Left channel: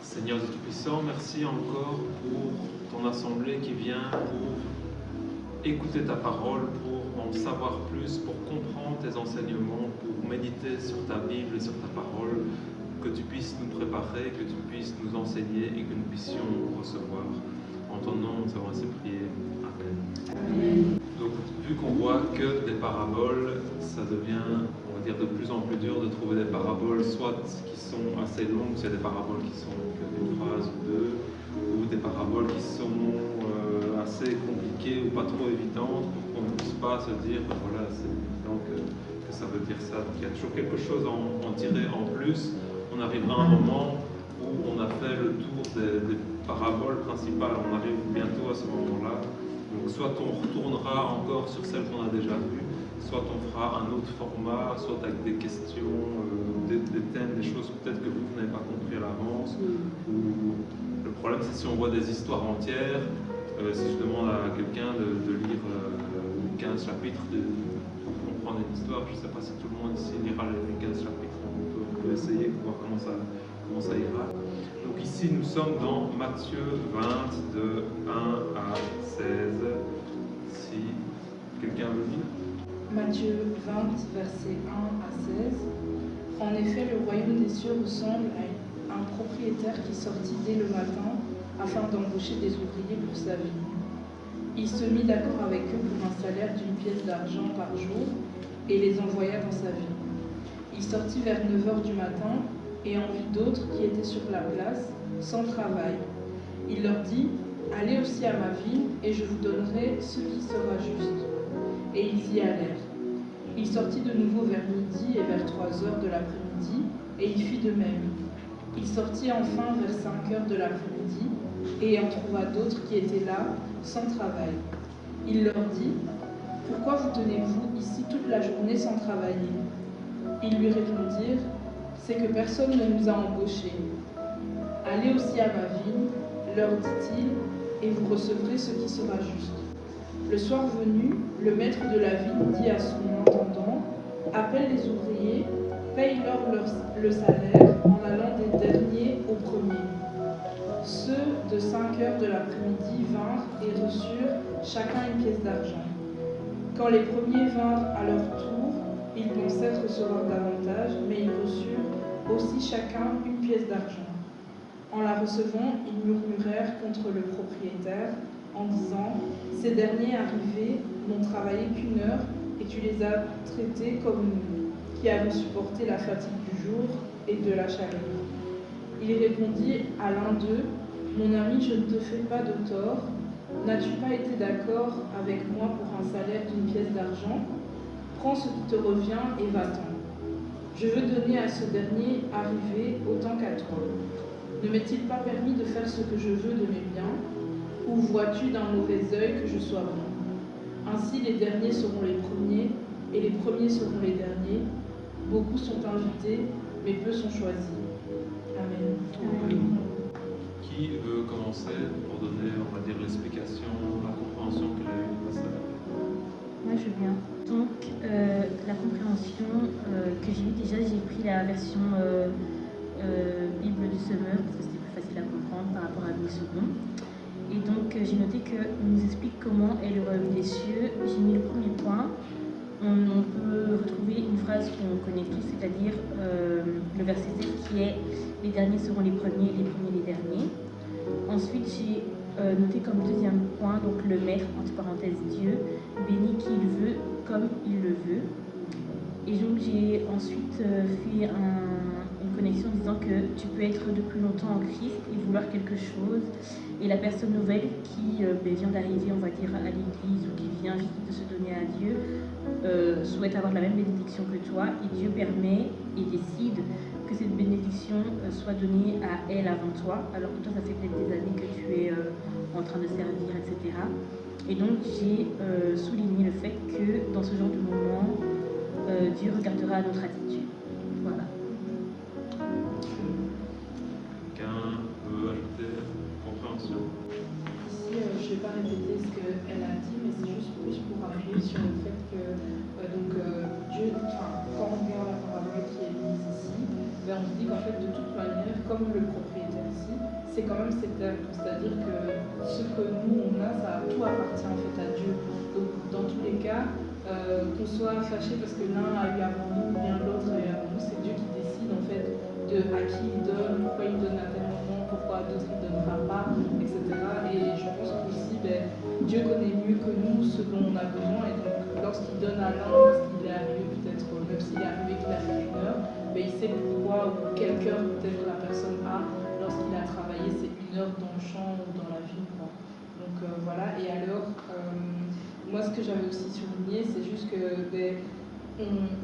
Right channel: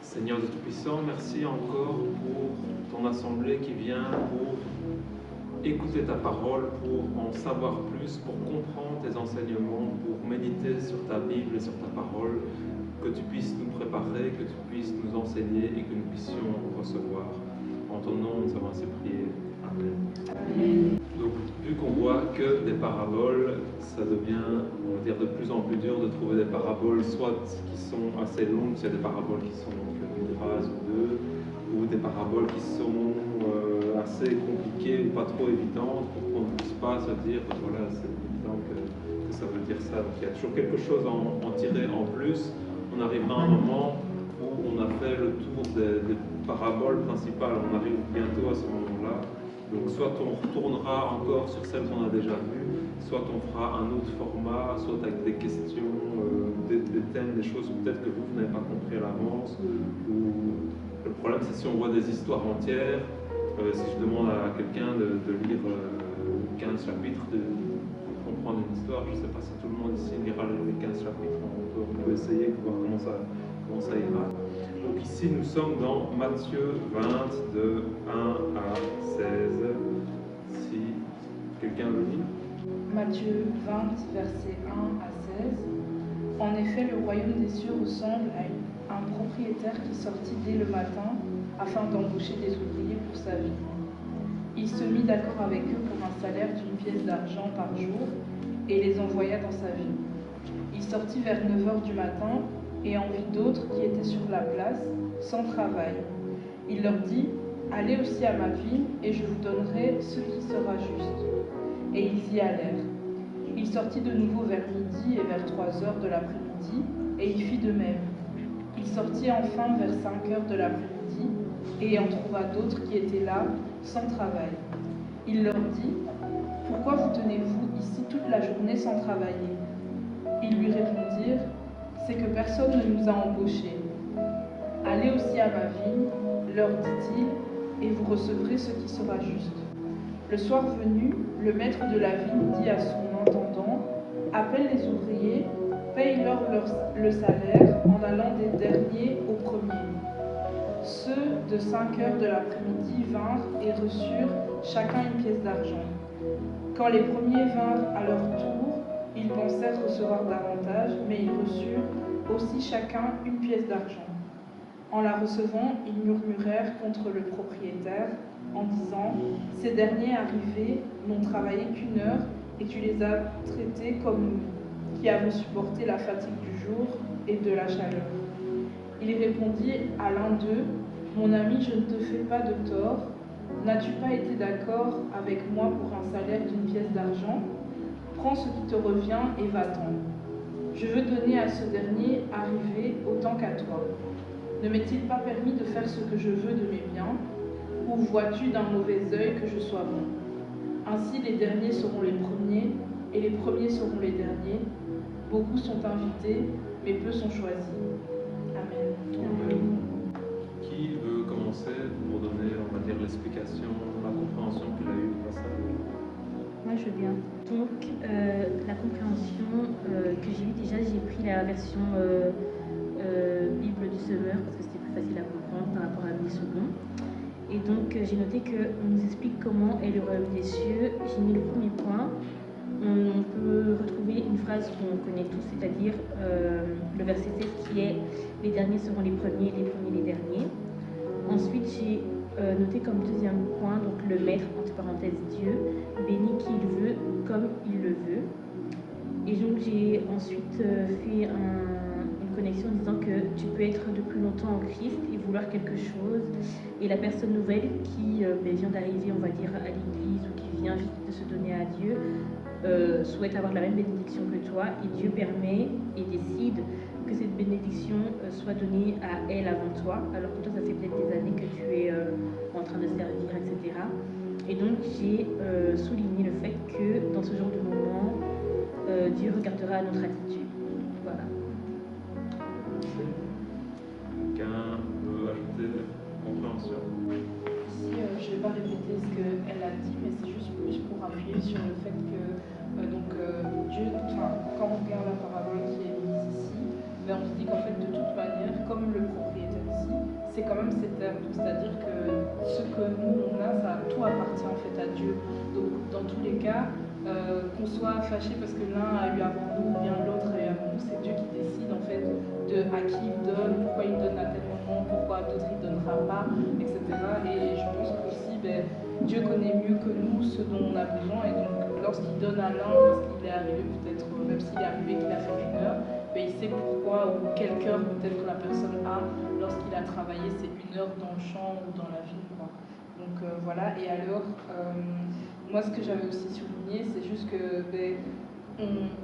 Seigneur de Tout-Puissant, merci encore pour ton assemblée qui vient pour écouter ta parole, pour en savoir plus, pour comprendre tes enseignements, pour méditer sur ta Bible et sur ta parole, que tu puisses nous préparer, que tu puisses nous enseigner et que nous puissions recevoir. En ton nom, nous avons ainsi prié. Amen. Donc, vu qu'on voit que des paraboles, ça devient, on va dire, de plus en plus dur de trouver des paraboles, soit qui sont assez longues, s'il y a des paraboles qui sont qu'une phrase ou deux, ou des paraboles qui sont assez compliquées ou pas trop évidentes pour qu'on ne puisse pas se dire, ben voilà, c'est évident que ça veut dire ça. Donc, il y a toujours quelque chose à en tirer en plus. On arrivera à un moment où on a fait le tour des paraboles principales, on arrive bientôt à ce moment-là. Donc soit on retournera encore sur celles qu'on a déjà vues, soit on fera un autre format, soit avec des questions, des thèmes, des choses peut-être que vous n'avez pas compris à l'avance. Ou le problème c'est si on voit des histoires entières, si je demande à quelqu'un de lire 15 chapitres pour comprendre une histoire, je ne sais pas si tout le monde ici lira les 15 chapitres, on peut essayer, voir comment ça ira. Donc ici, nous sommes dans Matthieu 20, de 1 à 16. Si quelqu'un veut lire. Matthieu 20, versets 1 à 16. En effet, le royaume des cieux ressemble à un propriétaire qui sortit dès le matin afin d'embaucher des ouvriers pour sa vie. Il se mit d'accord avec eux pour un salaire d'une pièce d'argent par jour et les envoya dans sa ville. Il sortit vers 9 heures du matin et en vit d'autres qui étaient sur la place, sans travail. Il leur dit, « Allez aussi à ma ville, et je vous donnerai ce qui sera juste. » Et ils y allèrent. Il sortit de nouveau vers midi et vers 3 heures de l'après-midi, et il fit de même. Il sortit enfin vers 5 heures de l'après-midi, et en trouva d'autres qui étaient là, sans travail. Il leur dit, « Pourquoi vous tenez-vous ici toute la journée sans travailler ?» Ils lui répondirent, « C'est que personne ne nous a embauchés. » « Allez aussi à ma ville, leur dit-il, et vous recevrez ce qui sera juste. » Le soir venu, le maître de la ville dit à son intendant, « Appelle les ouvriers, paye-leur le salaire en allant des derniers aux premiers. » Ceux de 5 heures de l'après-midi vinrent et reçurent chacun une pièce d'argent. Quand les premiers vinrent à leur tour, ils pensèrent recevoir davantage, mais ils reçurent aussi chacun une pièce d'argent. En la recevant, ils murmurèrent contre le propriétaire en disant « Ces derniers arrivés n'ont travaillé qu'une heure et tu les as traités comme nous, qui avons supporté la fatigue du jour et de la chaleur. » Il répondit à l'un d'eux « Mon ami, je ne te fais pas de tort. N'as-tu pas été d'accord avec moi pour un salaire d'une pièce d'argent? Prends ce qui te revient et va-t'en. Je veux donner à ce dernier arrivé autant qu'à toi. Ne m'est-il pas permis de faire ce que je veux de mes biens? Ou vois-tu d'un mauvais œil que je sois bon? Ainsi les derniers seront les premiers, et les premiers seront les derniers. Beaucoup sont invités, mais peu sont choisis. Amen. Amen. Qui veut commencer pour donner, on va dire, l'explication, la compréhension qu'il a eue du passage? Moi, je viens. Donc, la compréhension que j'ai eue, déjà, j'ai pris la version Bible du Semeur parce que c'était plus facile à comprendre par rapport à Louis II. Et donc, j'ai noté qu'il nous explique comment est le royaume des cieux. J'ai mis le premier point. On peut retrouver une phrase qu'on connaît tous, c'est-à-dire le verset 7 qui est « Les derniers seront les premiers, les premiers les derniers ». Ensuite, j'ai noté comme deuxième point, donc le maître, entre parenthèses Dieu, bénit qui il veut comme il le veut. Et donc, j'ai ensuite fait une connexion disant que tu peux être de plus longtemps en Christ et vouloir quelque chose. Et la personne nouvelle qui vient d'arriver, on va dire, à l'église ou qui vient juste de se donner à Dieu, souhaite avoir la même bénédiction que toi. Et Dieu permet et décide que cette bénédiction soit donnée à elle avant toi, alors que toi, ça fait peut-être des années que tu es en train de servir, etc. Et donc, j'ai souligné le fait que dans ce genre de moment, Dieu regardera notre attitude. Voilà. Merci. Quelqu'un veut ajouter compréhension? Ici, je ne vais pas répéter ce qu'elle a dit, mais c'est juste plus pour appuyer sur le fait que Dieu, quand on soit fâché parce que l'un a eu avant nous ou bien l'autre a eu avant nous. C'est Dieu qui décide en fait de à qui il donne, pourquoi il donne à tel moment, pourquoi à d'autres il ne donnera pas, etc. Et je pense qu'aussi, Dieu connaît mieux que nous ce dont on a besoin. Et donc, lorsqu'il donne à l'un, parce qu'il est arrivé peut-être, même s'il est arrivé qu'il a fait une heure, il sait pourquoi ou quel cœur peut-être la personne a lorsqu'il a travaillé ces une heure dans le champ ou dans la ville. Donc voilà. Et alors, moi ce que j'avais aussi souligné, c'est juste que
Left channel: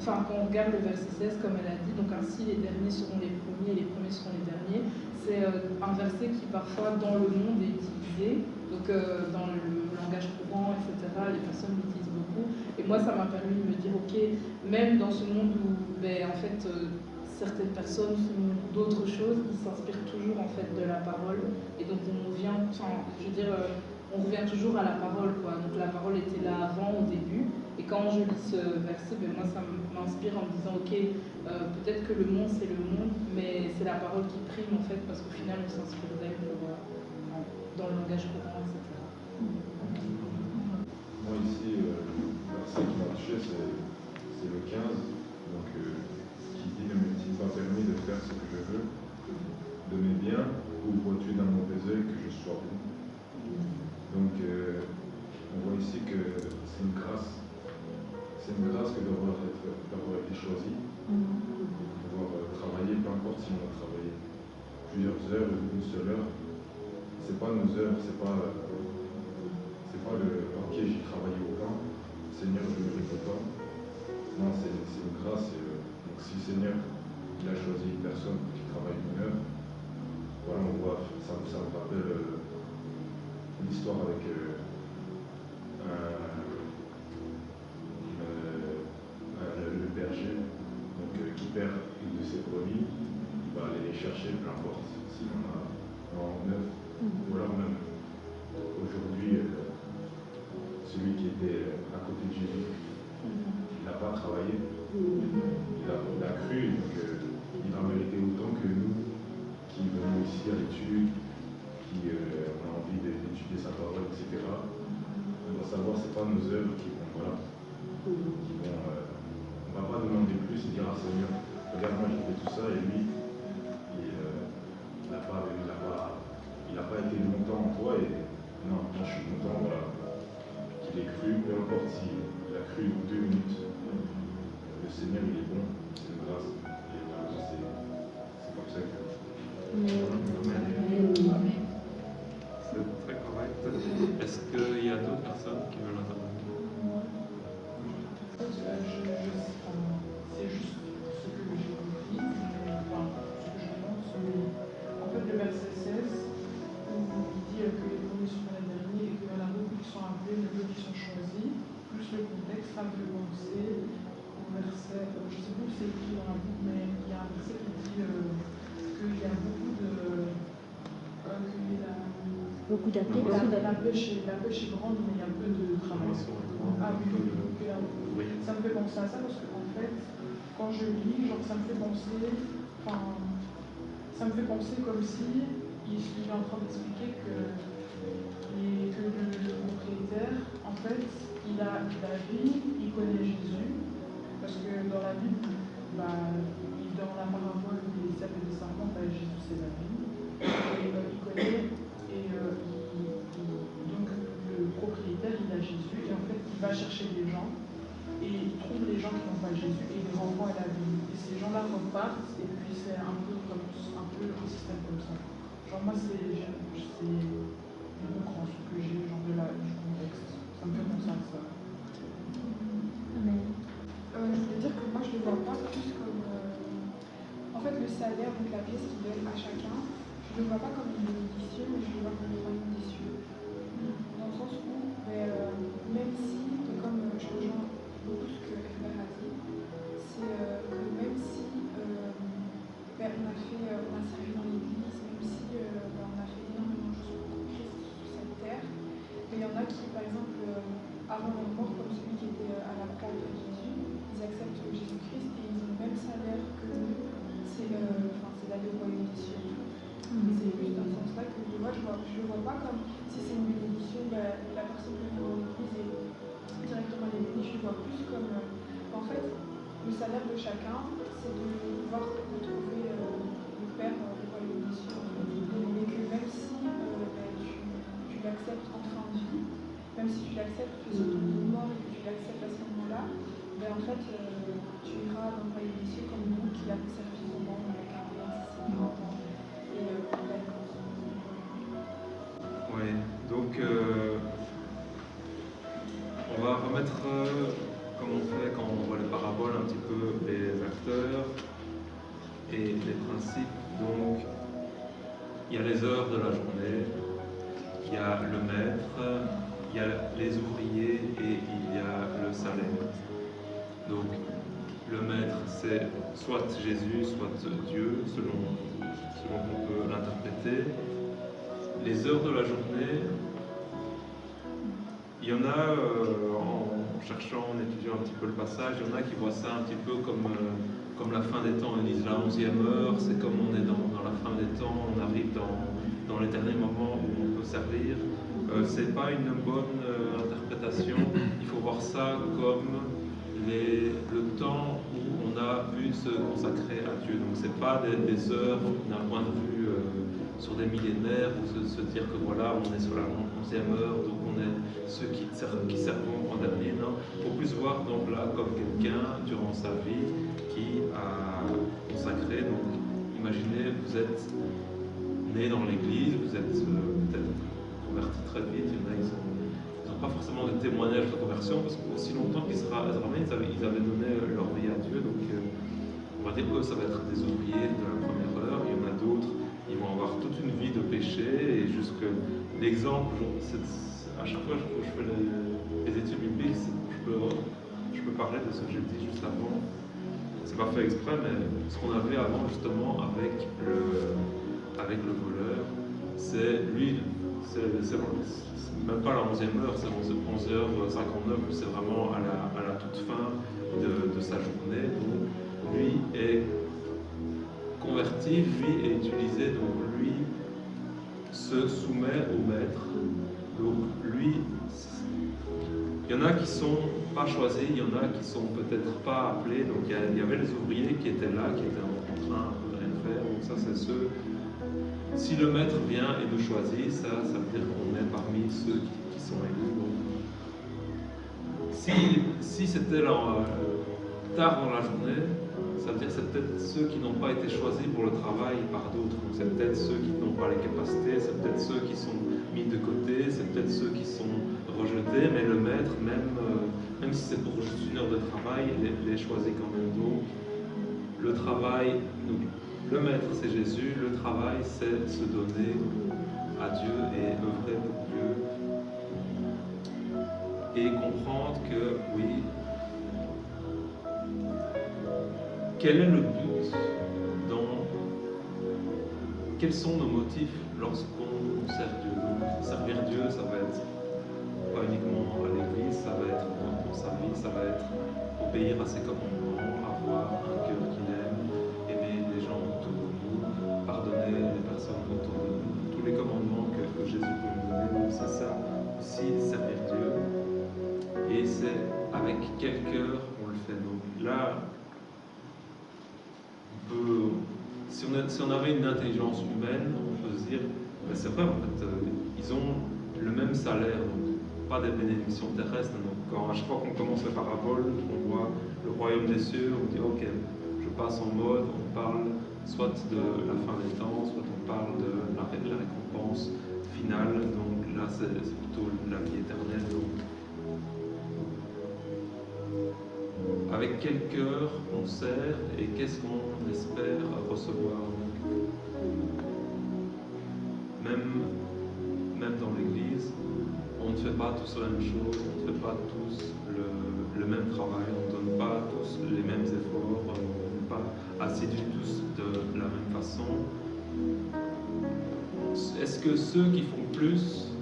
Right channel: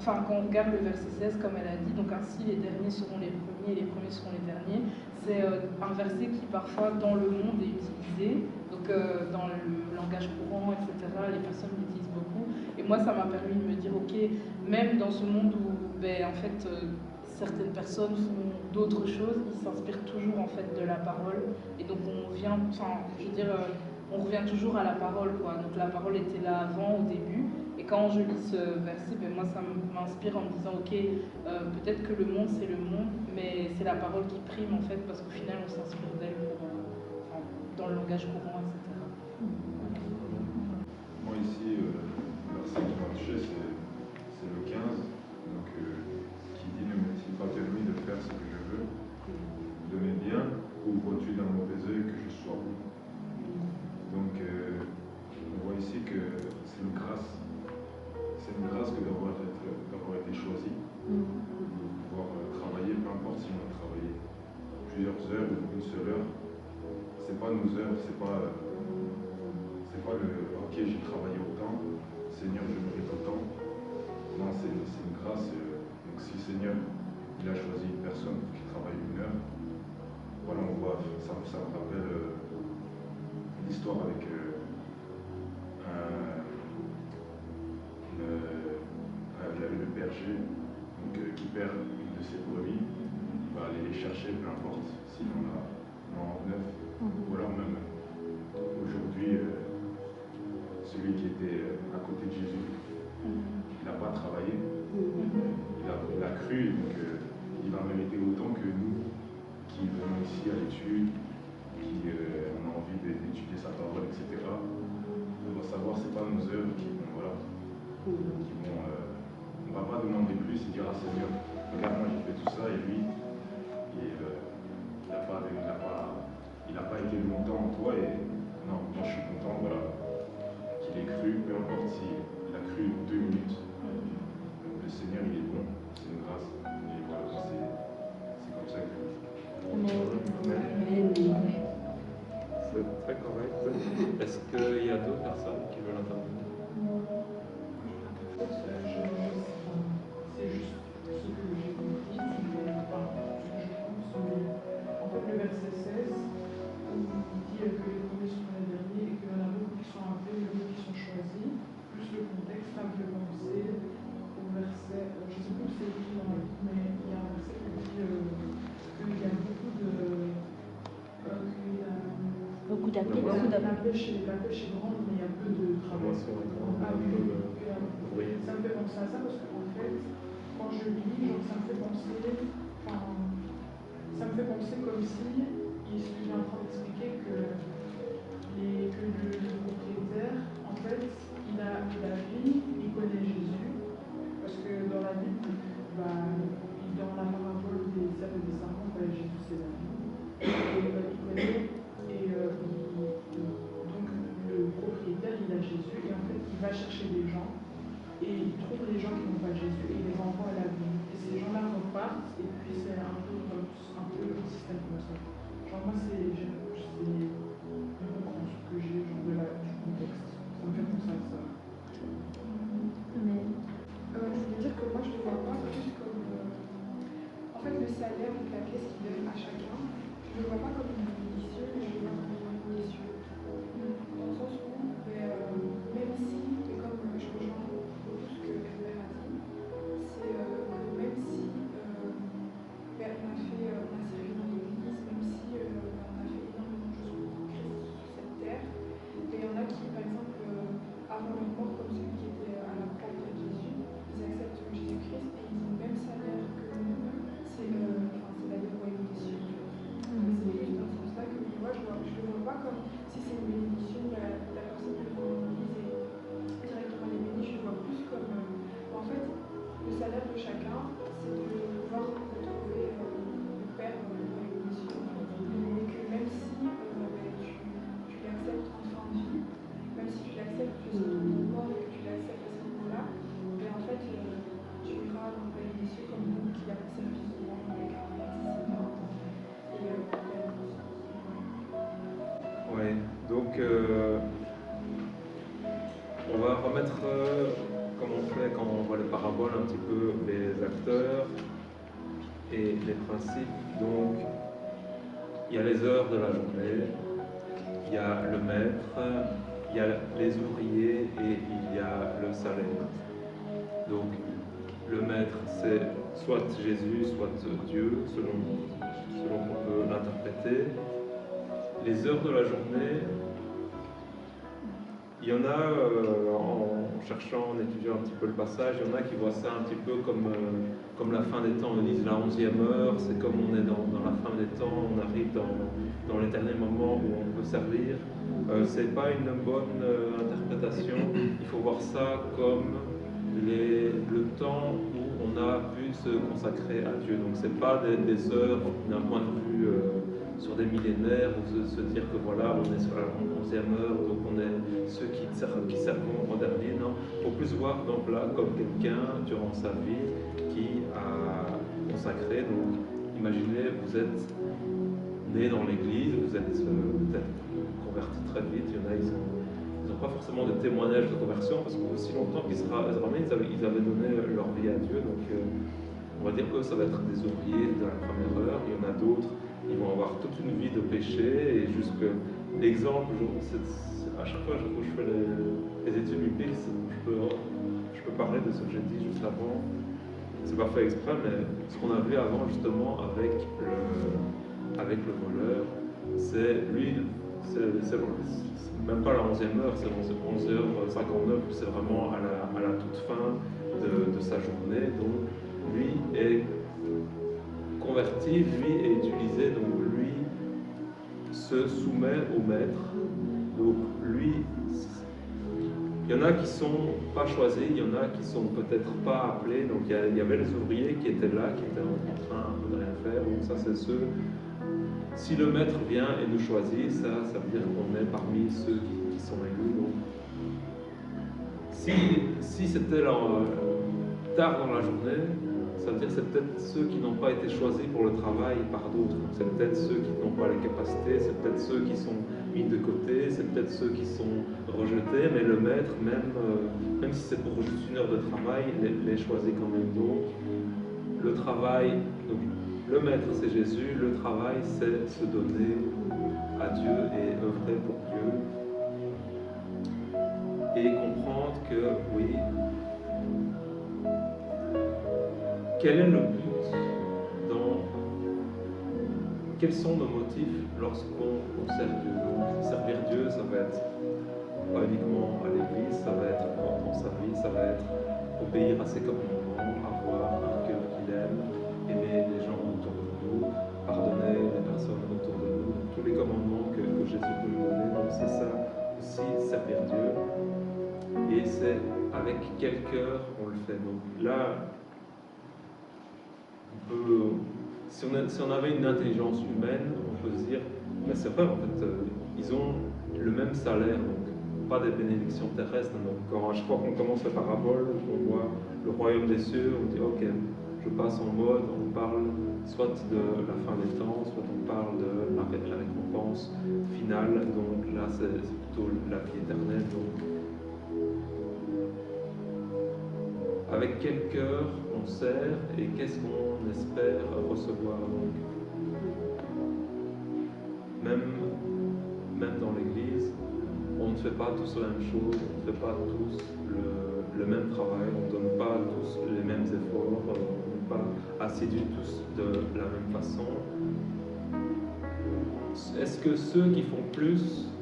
quand on regarde le verset 16, comme elle a dit, donc ainsi les derniers seront les premiers et les premiers seront les derniers, c'est un verset qui parfois dans le monde est utilisé, donc dans le langage courant, etc., les personnes l'utilisent beaucoup. Et moi ça m'a permis de me dire, ok, même dans ce monde où en fait certaines personnes font d'autres choses, ils s'inspirent toujours en fait de la parole. Et donc on vient, on revient toujours à la parole, quoi. Donc la parole était là avant, au début. Et quand je lis ce verset, moi ça m'inspire en me disant, ok, peut-être que le monde c'est le monde, mais c'est la parole qui prime en fait, parce qu'au final on s'inspire d'elle dans le langage courant, etc. Moi ici, le verset qui m'a touché, c'est le 15, donc, qui dit ne m'est-il pas permis de faire ce que je veux, de mes biens, ou vois-tu d'un mauvais œil que je sois bon. Donc on voit ici que c'est une grâce. C'est une grâce que d'avoir été choisi, d'avoir travaillé, peu importe si on a travaillé plusieurs heures ou une seule heure. C'est pas nos heures, c'est pas le ok, j'ai travaillé autant, Seigneur, je mérite autant. Moi, c'est une grâce. Donc si le Seigneur il a choisi une personne qui travaille une heure, voilà, on voit, ça me rappelle l'histoire avec le berger donc, qui perd une de ses brebis, il va aller les chercher, peu importe s'il en a 9. Voilà, même aujourd'hui, celui qui était à côté de Jésus, il n'a pas travaillé, il a cru, donc il a mérité autant que nous qui venons ici à l'étude, qui on a envie d'étudier sa parole, etc. On doit savoir, c'est pas nos œuvres qui vont, voilà, on ne va pas demander plus et dire à Seigneur, regarde, moi j'ai fait tout ça et lui, il n'a pas été longtemps en toi et non, moi je suis content, voilà, qu'il ait cru, peu importe s'il a cru 2 minutes, le Seigneur il est bon, c'est une grâce. Et voilà, c'est comme ça que c'est très correct. Est-ce qu'il y a d'autres personnes qui veulent intervenir? C'est juste ce que j'ai compris, enfin, ce que je pense, mais en fait le verset 16, il dit que les premiers sont les derniers et qu'il y en a beaucoup qui sont appelés, d'autres qui sont choisis, plus le contexte m'a fait penser au verset, je ne sais plus si c'est écrit dans la Bible, mais il y a un verset qui dit qu'il y a beaucoup d'appels, la pêche est grande, mais il y a peu de travail. Ça me fait penser à ça parce qu'en fait, quand je lis, ça me fait penser comme si il est en train d'expliquer que le propriétaire, en fait, il a vu, il connaît Jésus, parce que dans la Bible, dans la parabole des sables et des serpents, Jésus c'est la vie, et il connaît, et donc le propriétaire, il a Jésus, et en fait, il va chercher des gens, et il trouve les gens qui n'ont pas Jésus, et il les envoie à la vie. Et ces gens-là repartent, et puis c'est un peu un système comme ça. Genre moi, c'est une compréhension que j'ai du contexte. Ça me fait penser à ça. Je veux dire que moi, je ne le vois pas plus comme... en fait, le salaire, donc la pièce qu'il donne à chacun, je ne le vois pas comme une bénédiction, mais je le vois comme une royaume des cieux. Dans le sens où, même si, et comme je rejoins beaucoup ce que Herbert a dit, c'est que même si on a servi dans l'église, même si on a fait énormément de choses pour Christ sur cette terre, mais il y en a qui, par exemple, avant leur mort, comme celui qui était à la croix de Jésus, ils acceptent Jésus-Christ et ils ont le même salaire que nous, c'est d'aller au royaume des cieux. C'est juste dans ce sens-là que moi je vois salaire de chacun, c'est de pouvoir retrouver le Père dans le royaume des cieux. Et que même si tu l'acceptes en fin de vie, même si tu l'acceptes, tu es sur ton mort et que tu l'acceptes à ce moment-là, mais en fait, tu iras dans le royaume des cieux comme nous qui avons servi pendant les 40, 50 ans. Oui, donc on va remettre, comme on fait quand on voit les paraboles, un petit peu les acteurs et les principes. Donc, il y a les heures de la journée, il y a le maître, il y a les ouvriers et il y a le salaire. Donc, le maître, c'est soit Jésus, soit Dieu, selon qu'on peut l'interpréter. Les heures de la journée, il y en a, en cherchant, en étudiant un petit peu le passage, il y en a qui voient ça un petit peu comme la fin des temps. Ils disent la 11e heure, c'est comme on est dans la fin des temps, on arrive dans les derniers moments où on peut servir. C'est pas une bonne interprétation. Il faut voir ça comme le temps où on a pu se consacrer à Dieu. Donc c'est pas des heures d'un point de vue sur des millénaires ou se dire que voilà, on est sur la 11e heure, donc on est ceux qui servent en dernier. Non, il faut plus voir donc là comme quelqu'un durant sa vie qui a consacré. Donc imaginez, vous êtes né dans l'église, vous êtes peut-être converti très vite. Il y en a, ils n'ont pas forcément de témoignage de conversion parce qu'aussi longtemps qu'ils se ramenaient, ils avaient donné leur vie à Dieu. Donc on va dire que ça va être des ouvriers de la première heure. Il y en a d'autres, ils vont avoir toute une vie de péché et jusque l'exemple, à chaque fois que je fais les études bibliques, je peux parler de ce que j'ai dit juste avant. C'est pas fait exprès, mais ce qu'on a vu avant justement avec le voleur, c'est lui, c'est même pas la 11e heure, c'est 11h59, c'est vraiment à la toute fin de sa journée. Donc lui est converti, lui est utilisé, donc lui se soumet au maître. Donc lui, il y en a qui sont pas choisis, il y en a qui sont peut-être pas appelés. Donc il y avait les ouvriers qui étaient là, qui étaient en train un peu de rien faire. Donc ça c'est ceux. Si le maître vient et nous choisit, ça veut dire qu'on est parmi ceux qui sont élus. Donc, si c'était tard dans la journée, ça veut dire que c'est peut-être ceux qui n'ont pas été choisis pour le travail par d'autres. Donc c'est peut-être ceux qui n'ont pas les capacités, c'est peut-être ceux qui sont mis de côté, c'est peut-être ceux qui sont rejetés, mais le maître, même si c'est pour juste une heure de travail, les choisit quand même. Donc le travail, donc, le maître c'est Jésus, le travail c'est se donner à Dieu et œuvrer pour Dieu. Et comprendre que oui, quel est le but quels sont nos motifs lorsqu'on sert Dieu? Donc, servir Dieu, ça va être pas uniquement à l'église, ça va être dans sa vie, ça va être obéir à ses commandements, avoir un cœur qu'il aime, aimer les gens autour de nous, pardonner les personnes autour de nous, tous les commandements que Jésus peut nous donner. Donc c'est ça aussi, servir Dieu. Et c'est avec quel cœur on le fait. Donc là, si on avait une intelligence humaine, on peut se dire, ben c'est vrai, en fait, ils ont le même salaire, donc pas des bénédictions terrestres. Donc à chaque fois qu'on commence la parabole, on voit le royaume des cieux, on dit, ok, je passe en mode, on parle soit de la fin des temps, soit on parle de la récompense finale, donc là c'est plutôt la vie éternelle. Donc, avec quel cœur on sert et qu'est-ce qu'on espère recevoir. Donc, même dans l'Église, on ne fait pas tous la même chose, on ne fait pas tous le même travail, on ne donne pas tous les mêmes efforts, on n'est pas assidus tous de la même façon. Est-ce que ceux qui font plus,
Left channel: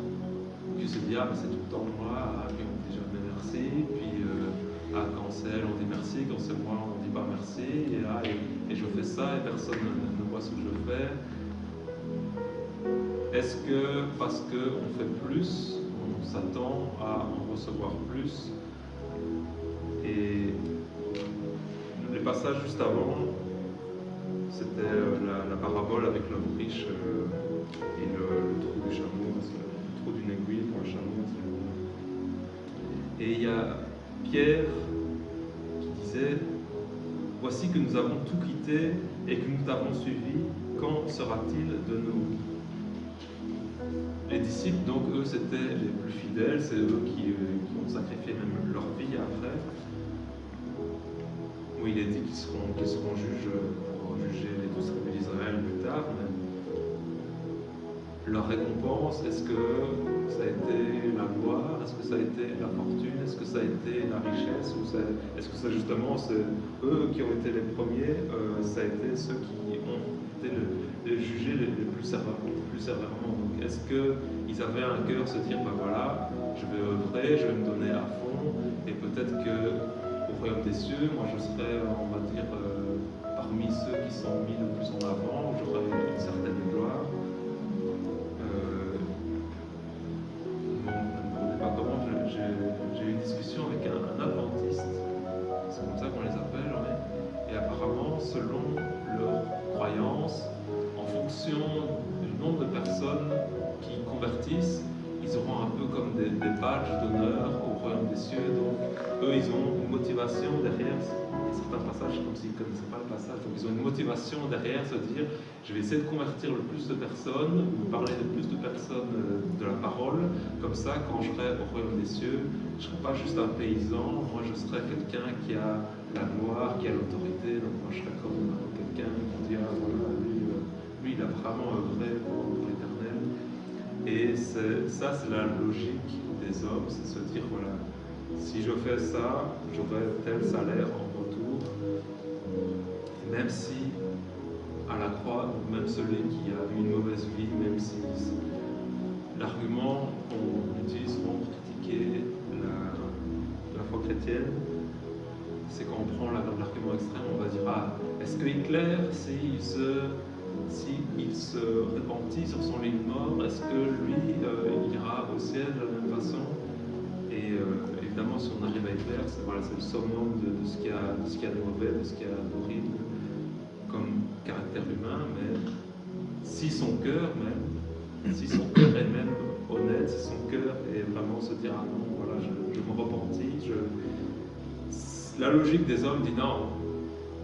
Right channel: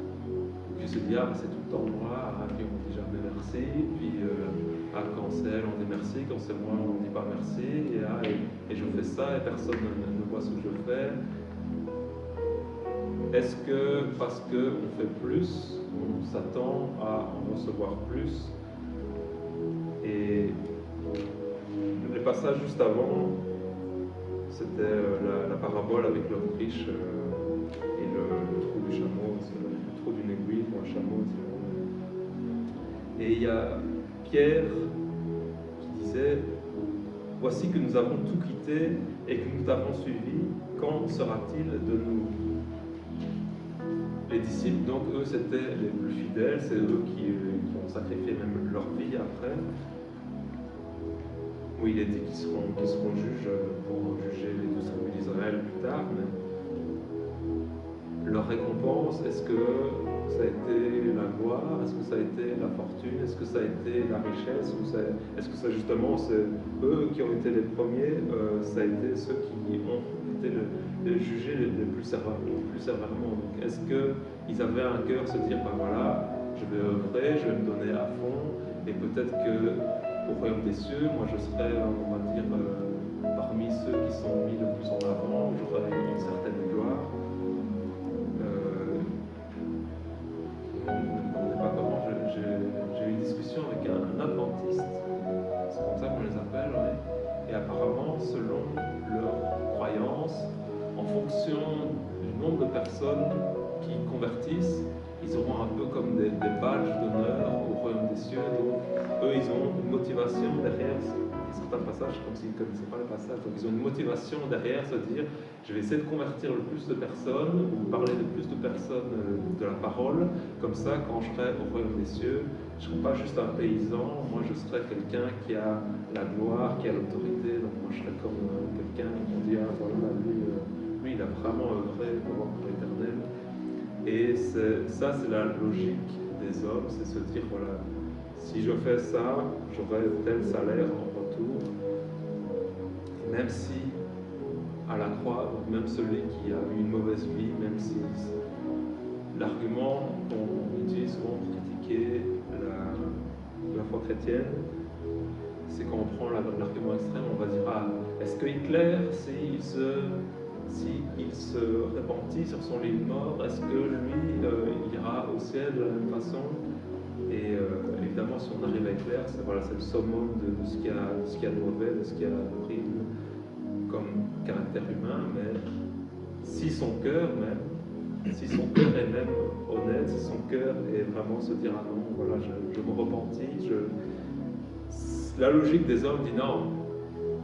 qui se disent « Ah, ben c'est tout le temps moi », puis on dit jamais merci, puis quand c'est elle, on dit merci, quand c'est moi, on ne dit pas merci, et je fais ça, et personne ne voit ce que je fais. Est-ce que parce qu'on fait plus, on s'attend à en recevoir plus? Et le passage juste avant, c'était la parabole avec l'homme riche et le trou du chameau, le trou d'une aiguille pour un chameau. Et il y a Pierre qui disait: voici que nous avons tout quitté et que nous t'avons suivi, quand sera-t-il de nous? Les disciples, donc, eux, c'était les plus fidèles, c'est eux qui ont sacrifié même leur vie après. Oui, il est dit qu'ils seront juges pour juger les 12 tribus d'Israël plus tard, mais leur récompense, est-ce que ça a été la gloire? Est-ce que ça a été la fortune? Est-ce que ça a été la richesse? Ou est-ce que c'est justement eux qui ont été les premiers? Ça a été ceux qui ont été les jugés les plus sévèrement. Donc, est-ce qu'ils avaient un cœur se dire, ben voilà, je vais œuvrer, je vais me donner à fond, et peut-être qu'au royaume des cieux, moi je serai, on va dire, parmi ceux qui sont mis le plus en avant, où j'aurai une certaine gloire. Ne me demandez pas comment, j'ai eu une discussion avec un adventiste, c'est comme ça qu'on les appelle, et apparemment, selon leurs croyances, en fonction du nombre de personnes qui convertissent, ils auront un peu comme des badges d'honneur au royaume des cieux. Donc, eux, ils ont une motivation derrière. Il y a certains passages comme s'ils ne connaissaient pas les passages. Donc, ils ont une motivation derrière, se dire, je vais essayer de convertir le plus de personnes, ou parler de plus de personnes de la parole. Comme ça, quand je serai au royaume des cieux, je ne serai pas juste un paysan. Moi, je serai quelqu'un qui a la gloire, qui a l'autorité. Donc, moi, je serai comme quelqu'un qui dit, ah voilà, lui, il a vraiment œuvré pour l'éternel. Et ça, c'est la logique des hommes, c'est se dire, voilà, si je fais ça, j'aurai tel salaire en retour. Et même si, à la croix, donc même celui qui a eu une mauvaise vie, même si l'argument qu'on utilise souvent pour critiquer la foi chrétienne, c'est quand on prend l'argument extrême, on va dire, ah, est-ce que Hitler, s'il se repentit sur son lit de mort, est-ce que lui, il ira au ciel de la même façon? Et évidemment, si on arrive à Hitler, c'est le summum de ce qu'il y a de mauvais, de ce qu'il y a d'horrible comme caractère humain, mais si son cœur est même honnête, si son cœur est vraiment se dire, ah non, voilà, je me repentis, la logique des hommes dit non,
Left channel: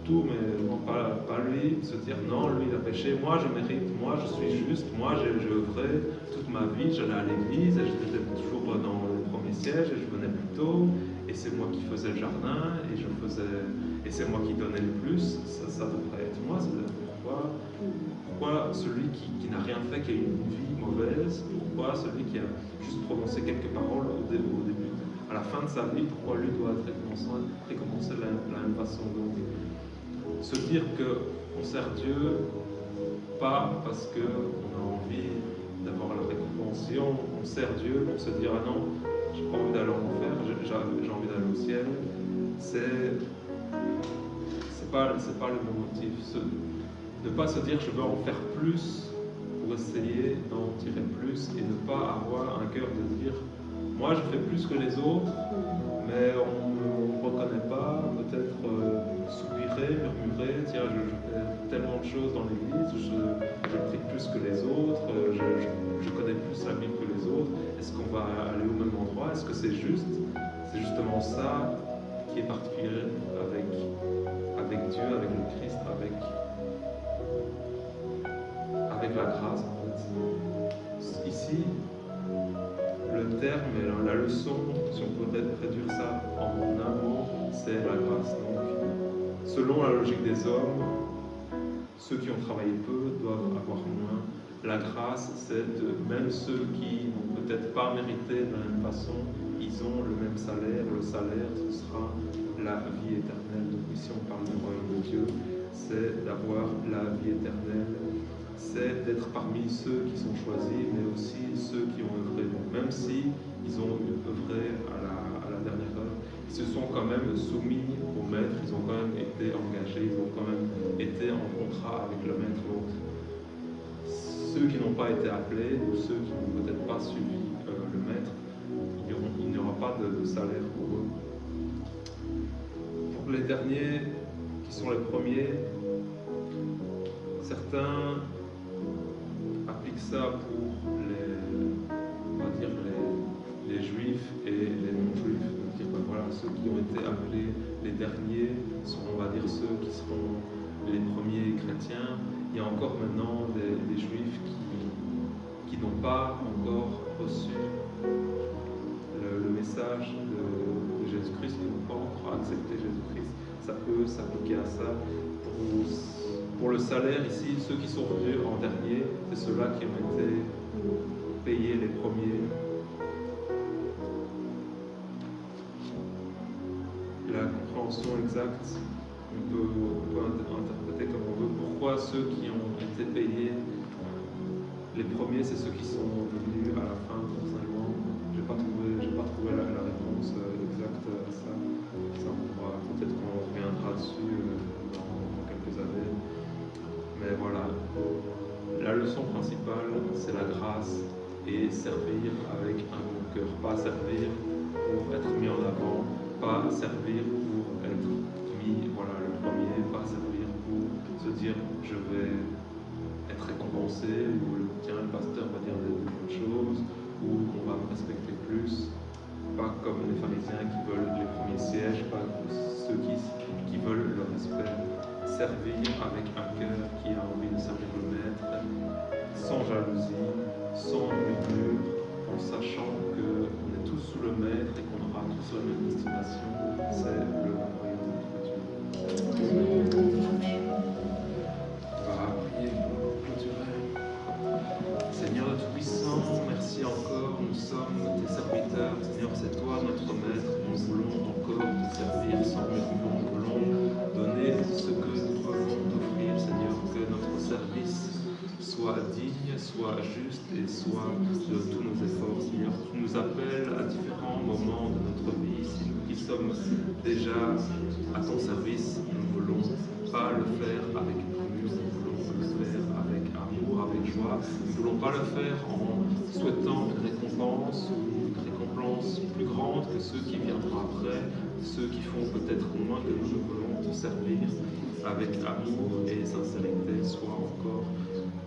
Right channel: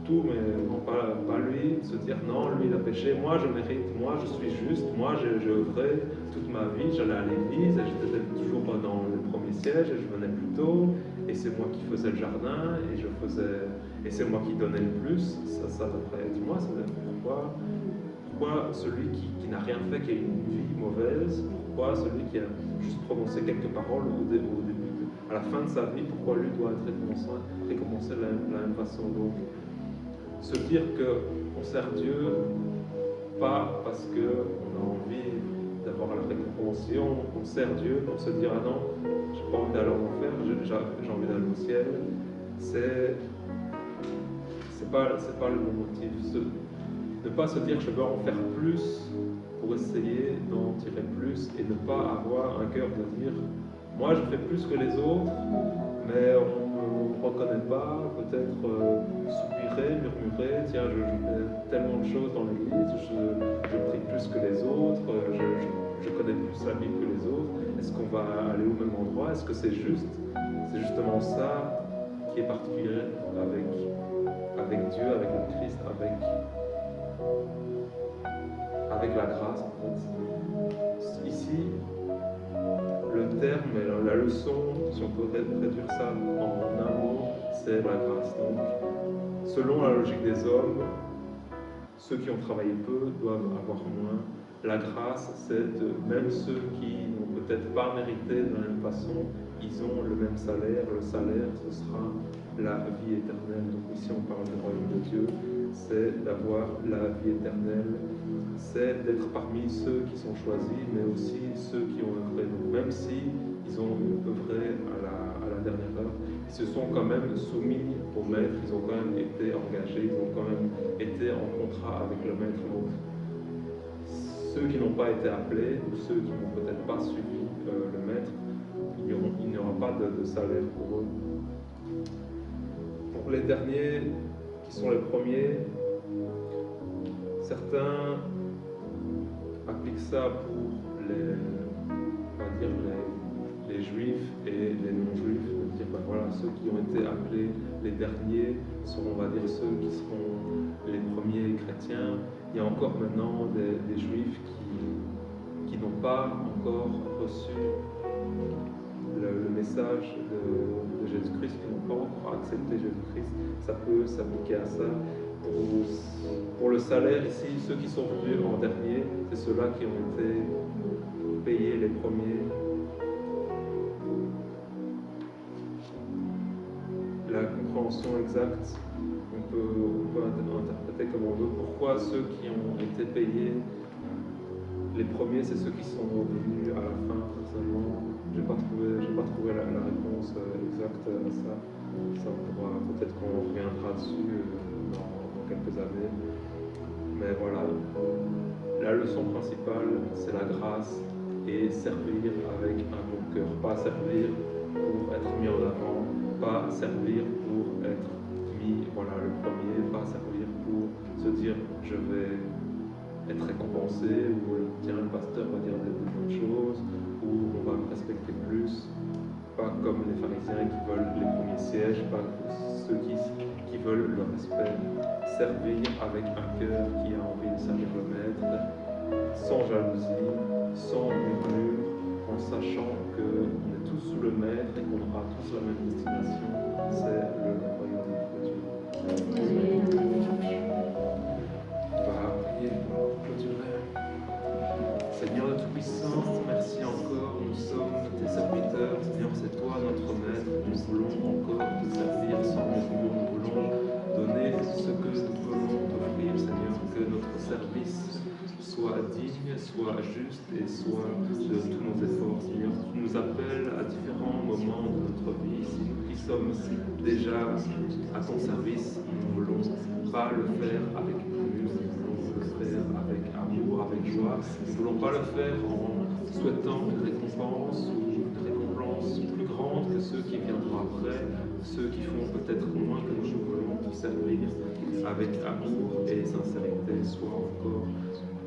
tout, mais non pas lui, se dire non, lui il a péché, moi je mérite, moi je suis juste, moi j'ai œuvré toute ma vie, j'allais à l'église et j'étais toujours dans le premier siège et je venais plus tôt et c'est moi qui faisais le jardin et c'est moi qui donnais le plus, ça devrait être moi. Pourquoi celui qui n'a rien fait, qui a une vie mauvaise, pourquoi celui qui a juste prononcé quelques paroles au début, à la fin de sa vie, pourquoi lui doit être récompensé de la même façon? Donc, se dire qu'on sert Dieu pas parce qu'on a envie d'avoir la récompense, on sert Dieu pour se dire, ah non, j'ai pas envie d'aller en enfer, j'ai envie d'aller au ciel, c'est pas le bon motif. Ne pas se dire je veux en faire plus pour essayer d'en tirer plus et ne pas avoir un cœur de dire moi je fais plus que les autres, mais on ne me reconnaît pas, peut-être soupirer, murmurer, tiens je fais tellement de choses dans l'église, je prie plus que les autres, je connais plus la Bible que les autres, est-ce qu'on va aller au même endroit? Est-ce que c'est juste? C'est justement ça qui est particulier avec Dieu, avec le Christ, avec la grâce en fait. Ici, le terme et la leçon, si on peut réduire ça en un mot, c'est la grâce. Donc, selon la logique des hommes, ceux qui ont travaillé peu doivent avoir moins. La grâce, c'est même ceux qui n'ont peut-être pas mérité de la même façon, ils ont le même salaire. Le salaire, ce sera la vie éternelle. Donc ici, on parle du royaume de Dieu, c'est d'avoir la vie éternelle, c'est d'être parmi ceux qui sont choisis, mais aussi ceux qui ont œuvré. Donc même si ils ont œuvré à la dernière heure, ils se sont quand même soumis au maître, ils ont quand même été engagés, ils ont quand même été en contrat avec le maître. Donc ceux qui n'ont pas été appelés ou ceux qui n'ont peut-être pas suivi le maître, il n'y aura pas de salaire pour eux. Pour les derniers qui sont les premiers. Certains appliquent ça pour on va dire les juifs et les non-juifs, de dire ben voilà, ceux qui ont été appelés les derniers seront, on va dire, ceux qui seront les premiers chrétiens. Il y a encore maintenant des juifs qui n'ont pas encore reçu le message de Jésus-Christ, qui n'ont pas encore accepté Jésus-Christ. Ça peut s'appliquer à ça. Pour le salaire, ici, ceux qui sont venus en dernier, c'est ceux-là qui ont été payés les premiers. La compréhension exacte, on peut interpréter comme on veut. Pourquoi ceux qui ont été payés les premiers, c'est ceux qui sont venus à la fin? Personnellement, j'ai pas trouvé la réponse exacte à ça. Ça, peut-être qu'on reviendra dessus dans quelques années. Mais voilà, la leçon principale, c'est la grâce et servir avec un bon cœur. Pas servir pour être mis en avant, pas servir pour être mis, voilà, le premier, pas servir pour se dire je vais être récompensé, ou tiens, le pasteur va dire des bonnes choses, ou on va me respecter plus. Pas comme les pharisiens qui veulent les premiers sièges, pas ceux qui veulent le respect. Servir avec un cœur qui a envie de servir le maître, sans jalousie, sans murmure, en sachant qu'on est tous sous le maître et qu'on aura tous la même destination, c'est le royaume de Dieu. On va prier pour clôturer. Seigneur de Tout-Puissant, merci encore, nous sommes tes serviteurs. Seigneur, c'est toi notre maître. Nous voulons encore te servir sans murmure. Nous voulons donner ce que nous pouvons t'offrir, Seigneur, que notre service soit digne, soit juste et soit de tous nos efforts. Seigneur, tu nous appelles à différents moments de notre vie. Si nous qui sommes déjà à ton service, nous ne voulons pas le faire avec murmure, nous voulons le faire avec amour, avec joie. Nous ne voulons pas le faire en souhaitant une récompense ou une récompense plus grande que ceux qui viendront après, ceux qui font peut-être moins que nous. Nous voulons te servir avec amour et sincérité. Sois encore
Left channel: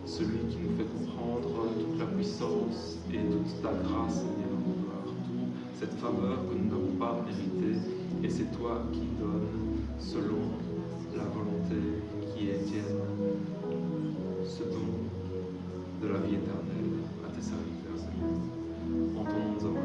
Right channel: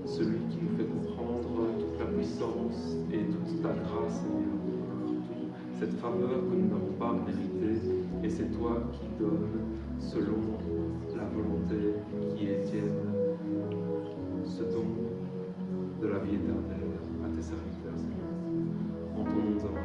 celui qui nous fait comprendre toute la puissance et toute ta grâce, Seigneur, de gloire, toute cette faveur que nous n'avons pas méritée, et c'est toi qui donnes selon la volonté qui est tienne ce don de la vie éternelle à tes serviteurs, Seigneur. En ton nom nous avons